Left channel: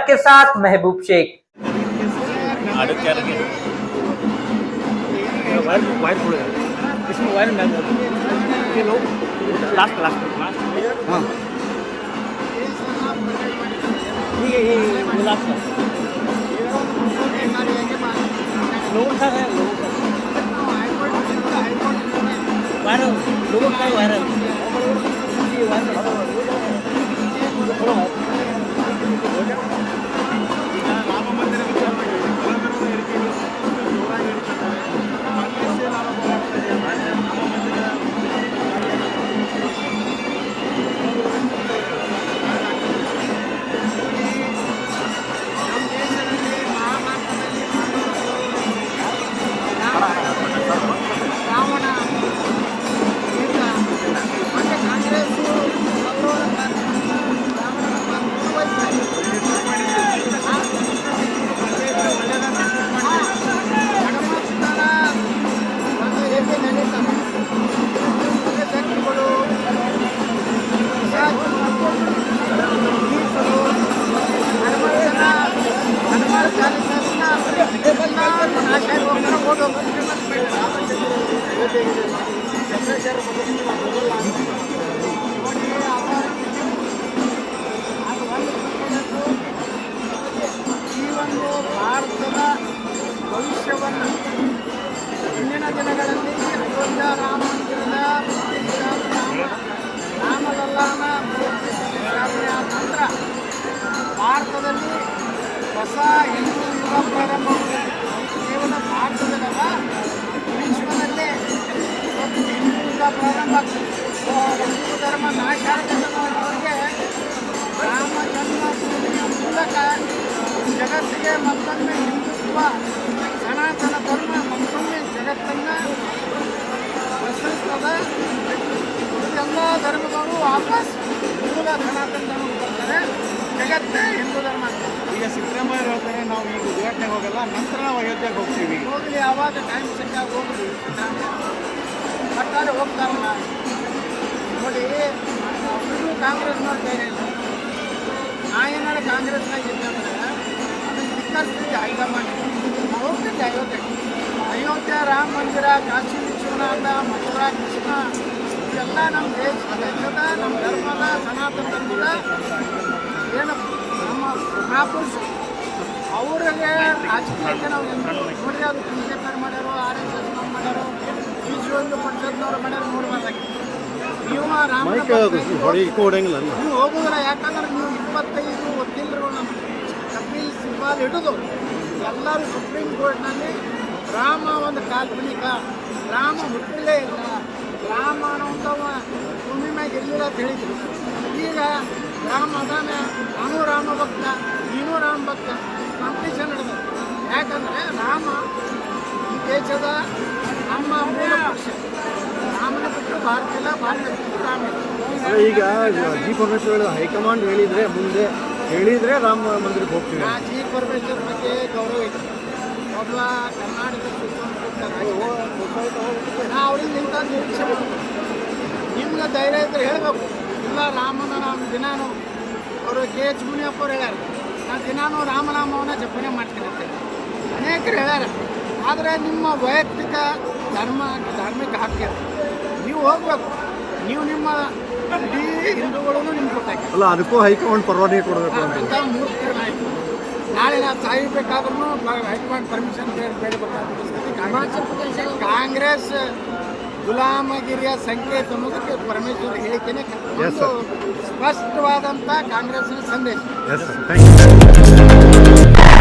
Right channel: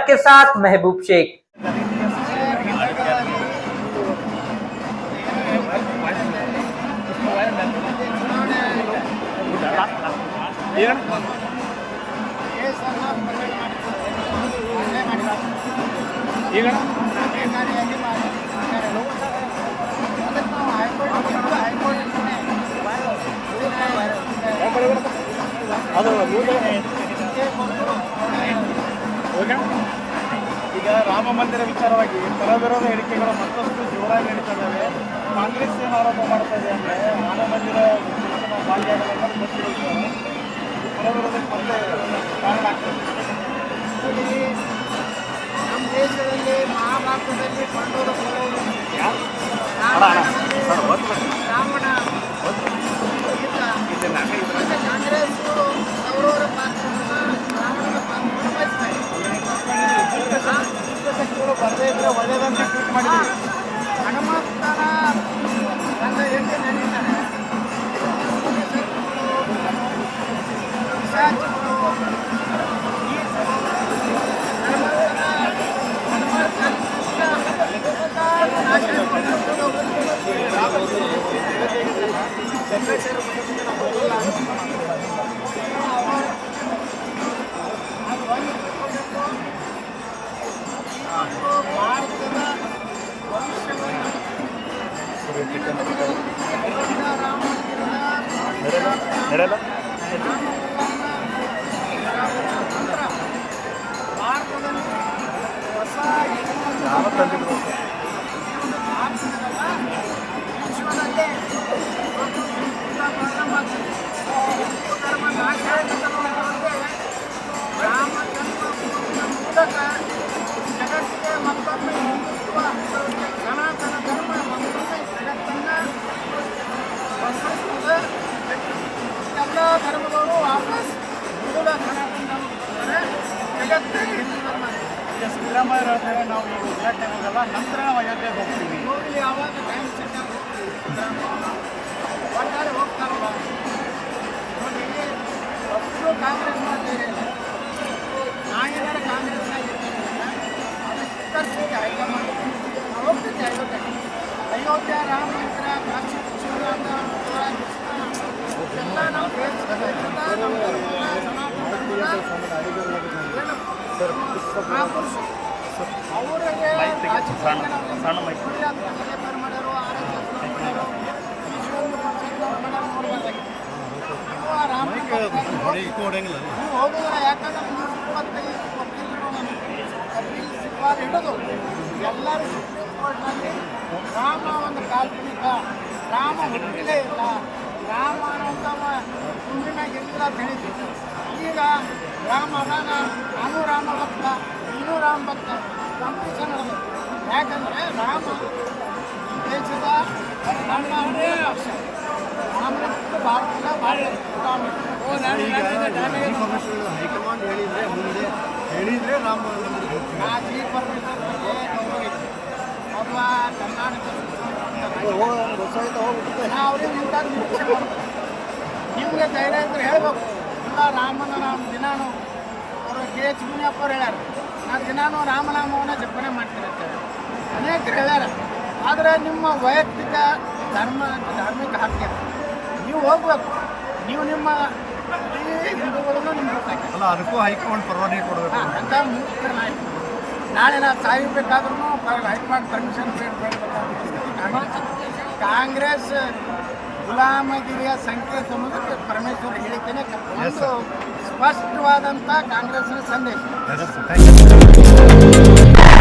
Camera के साथ महबूब शेख ಕೇಸನ್ನ ಪ್ರಕರಣ ಮಾಡಿದ್ದಾರೆ ಏನೋ ಹಲ್ಲೆ ಮಾಡಿದ್ದಾರೆ ಈಗ ಒಂದು ಮುಖ್ಯೋದ್ದೇಶಕಾರಿಯಾಗಿ ಮಾಡಿ ಮಾಡ್ಯಾರೆ. ಅದಕ್ಕೆ ನಾವು ಹೈಕೋರ್ಟ್ ಬಂದು ಹೈಕೋರ್ಟ್ ಈಗ ರಾಮ ಮಂದಿರ ವಿಚಾರವಾಗಿ ಪರವಿರೋಧ ಹೇಳಿಕೆಗಳು ಮತ್ತಷ್ಟು ಜೋರಾಗಿ ನಡೀತಾರೆ ಕಾಂಗ್ರೆಸ್ ಏನು ಆರೋಪ ಮಾಡ್ತಾ ಇದೆ ಅಂದರೆ ರಾಮ ಮಂದಿರ ನಾವು ಭಾಗಿಯಾಗಲ್ಲ ಕಾರಣ ಆಗ್ತದೆ. ನೋಡಿ, ನಮ್ಮ ದೇಶದಲ್ಲಿ, ಮಹಾಭಾರತದಲ್ಲಿ ನಡೀತಾರೆ. ದುಷ್ಟಶಕ್ತಿಗಳು ಪಿಶಾಚಿಗಳು ಗೀತರು ಹನುಮಂತನ ಹನುಮಾನ್ ಚಾಲಿಸದಿಂದ ಎಲ್ಲರೂ ನಾಶ ನೋಡಿ ಅವರ ಅದು ಒಂದು ಈ ಒಂದು ಭಾರತದ ಭವಿಷ್ಯವನ್ನು ಮುಂದಿನ ದಿನಗಳಲ್ಲಿ ಅಯೋಧ್ಯ ರಾಮ ಮಂದಿರದ ರಾಮಲಲ್ಲಾನ ಸ್ಥಾಪನೆ ಆದ ನಂತರ ಭಾರತದಲ್ಲಿ ಹೊಸ ಹಿಂದೂ ಯುಗ ಪ್ರಾರಂಭವಾಗುತ್ತದೆ ಕೇವಲ ಭಾರತದಲ್ಲ ವಿಶ್ವದಲ್ಲೇ ಮತ್ತು ಹಿಂದೂ ಯುಗ ಪ್ರಾರಂಭ ಆಗ್ತದೆ ಹಿಂದೂ ಧರ್ಮ ನಾಶ ಆಗಬೇಕನ್ನೋರಿಗೆ ರಾಮ ಜನ್ಮಭೂಮಿಯ ಮೂಲಕ ಜಗತ್ತಿಗೆ ಮತ್ತೊಮ್ಮೆ ಹಿಂದುತ್ವ ಸನಾತನ ಧರ್ಮ ಮತ್ತೊಮ್ಮೆ ಜಗತ್ತನ್ನು ಪ್ರಸರಿಸ್ತದೆ. ಎಲ್ಲ ಧರ್ಮಗಳು ವಾಪಸ್ ಮೂಲ ಸನಾತನ ಧರ್ಮಕ್ಕೆ ಬರ್ತಾರೆ ಜಗತ್ತೇ ಹಿಂದೂ ಧರ್ಮ. ಈಗ ಸಿದ್ದರಾಮಯ್ಯ ಹೇಳ್ತಾರೆ ನಾವು ಈಗ ಉದ್ಘಾಟನೆಗೆ ಹೋಗಲ್ಲ ನಂತರ ನಾವು ಅಯೋಧ್ಯೆಗೆ ಹೋಗ್ತೀವಿ. ಹೋಗಲಿ ಯಾವಾಗ ಟೈಮ್ ಸಿಕ್ಕಾಗ ಹೋಗಲಿ ಸಿದ್ದರಾಮಯ್ಯ. ಒಟ್ಟಾರೆ ಹೋಗ್ತಾರಲ್ಲ. ನೋಡಿ ಒಬ್ಬರಿಗೂ ಕಾಂಗ್ರೆಸ್ ಧೈರ್ಯ ಇಲ್ಲ ನಾ ಏನಾರ ಕಾಂಗ್ರೆಸ್ನಾಗ ಇದ್ದಂದ್ರೆ ಅದನ್ನು ಚಿಕ್ಕರ್ಸಿ ಹೈಕಮಾಂಡ್. ನಾವು ಅಯೋಧ್ಯೆ ಅಯೋಧ್ಯೆಗೆ ಅಯೋಧ್ಯ ರಾಮ ಮಂದಿರ ಕಾಶಿ ವಿಶ್ವನಾಥ ಮಥುರಾ ಕೃಷ್ಣ ಇದೆಲ್ಲ ನಮ್ಮ ದೇಶ ದೇಶದ ನಮ್ಮ ಧರ್ಮದ ಸನಾತನ ಧರ್ಮದ ಏನು ನಮ್ಮ ಪ್ರಾಪರ್ಸ್ ಅವ್ರಿಗೆ ರಾಜಕೀಯಕ್ಕೆ ನಾವು ನೋಡ್ರಿ ಅದು ಬಿ ಜೆ ಪಿಯವ್ರು ಮಾಡ್ಯಾರೋ ಆರ್ ಎಸ್ ಎಸ್ನವ್ರು ಮಾಡ್ಯಾರೋ ವಿಶ್ವಹಿಂದೂ ಪರಿಷತ್ನವ್ರು ಮಾಡ್ಯಾರೋ ನೋಡ್ಬಾರ್ದಾಗಿತ್ತು. ನೀವು ರಾಮನ ನೀವು ಹೋಗೋದ್ರ ಯಾಕಂದ್ರೆ ನೀವು ಇಪ್ಪತ್ತೈದು ವಕೀಲರುಗಳು ಕಪಿಲ್ ಸಿಬ್ಬಾಲ್ ಹಿಡಿದು ಎಲ್ಲರೂ ಸುಪ್ರೀಂ ಕೋರ್ಟ್ನಲ್ಲಿ ರಾಮ ಒಂದು ಕಾಲ್ಪನಿಕ. ರಾಮ ಹುಟ್ಟಿಲೇ ಇಲ್ಲ. ರಾಮ ಅನ್ನೋಂಥ ಭೂಮಿ ಮ್ಯಾಗ ಇರಲಿಲ್ಲ ಅಂತ ಈಗ ರಾಮ ಅದಾನ. ನಾನು ರಾಮ ಭಕ್ತ, ನೀನು ರಾಮ ಭಕ್ತ. ಕಾಂಪಿಟೇಷನ್ ನಡೆದ ಯಾಕಂದರೆ ರಾಮ ದೇಶದ ನಮ್ಮ ಪಕ್ಷ ರಾಮನ ಬಿಟ್ಟು ಭಾರತ ಇಲ್ಲ ಭಾಳ ಈಗ ಜಿ ಪರಮೇಶ್ವರ ಹೈಕಮಾಂಡ್ ಹೇಳಿದ್ರೆ ಮುಂದೆ ಹೇಳಿದ್ರೆ ರಾಮ ಮಂದಿರಕ್ಕೆ ಹೋಗ್ತೀವಿ ಆ ಜಿ ಪರಮೇಶ್ವರ್ ಬಗ್ಗೆ ಗೌರವ ಇದೆ. ಒಬ್ಬ ಕರ್ನಾಟಕ ಸುಸಂಸ್ಕೃತ ನಾ ಅವರಿಂದ ಇಂಥ ನಿರೀಕ್ಷೆ ಮಾಡಬೇಕು ನಿಮ್ಗೆ ಧೈರ್ಯ ಇದ್ರೆ ಹೇಳಬೇಕು. ಇಲ್ಲ ರಾಮನ ನಾವು ದಿನಾನು ಅವರು ಕೆ ಎಚ್ ಮುನಿಯಪ್ಪ ಅವ್ರು ಹೇಳ್ಯಾರ ನಾ ದಿನಾನು ರಾಮನಾಮವನ್ನ ಜಪನೆ ಮಾಡ್ತೀನಿ ಅಂತ ಹೇಳಿ. ಅನೇಕರು ಹೇಳ್ಯಾರ. ಆದರೆ ನಿಮ್ಮ ವೈಯಕ್ತಿಕ ಧರ್ಮ ಧಾರ್ಮಿಕ ಹಕ್ಯ ನೀವು ಹೋಗ್ಬೇಕು. ನೀವು ನಿಮ್ಮ ಇಡೀ ಹಿಂದೂಗಳನ್ನು ನಿಮ್ಗೆ ಗೊತ್ತಾಗ್ತದೆ ಅಲ್ಲ ಅದಕ್ಕೂ ಹೈಕಮಾಂಡ್ ಪರವಾನಗಿ ಕೊಡಬೇಕು ಅಂತ. ಮೂರ್ಖರ ನಾಯಕ ನಾಳೆ ನಾವು ಸಾಯಬೇಕಾದ್ರೂ ಹೈಕಮಾಂಡ್ ಪರ್ಮಿಷನ್ ಬೇಡಬೇಕಾದ ಪರಿಸ್ಥಿತಿ ಕಾಂಗ್ರೆಸ್ ಕಾಂಗ್ರೆಸ್ ಗುಲಾಮಗಿರಿಯ ಸಂಕೇತ ಅನ್ನೋದಕ್ಕೆ ಪರಮೇಶ್ವರ ಹೇಳಿಕೆನೆ ಕ- ಒಂದು ಸ್ಪಷ್ಟವಾದಂಥ ಕಾಂಗ್ರೆಸ್ನ ಸಂದೇಶ.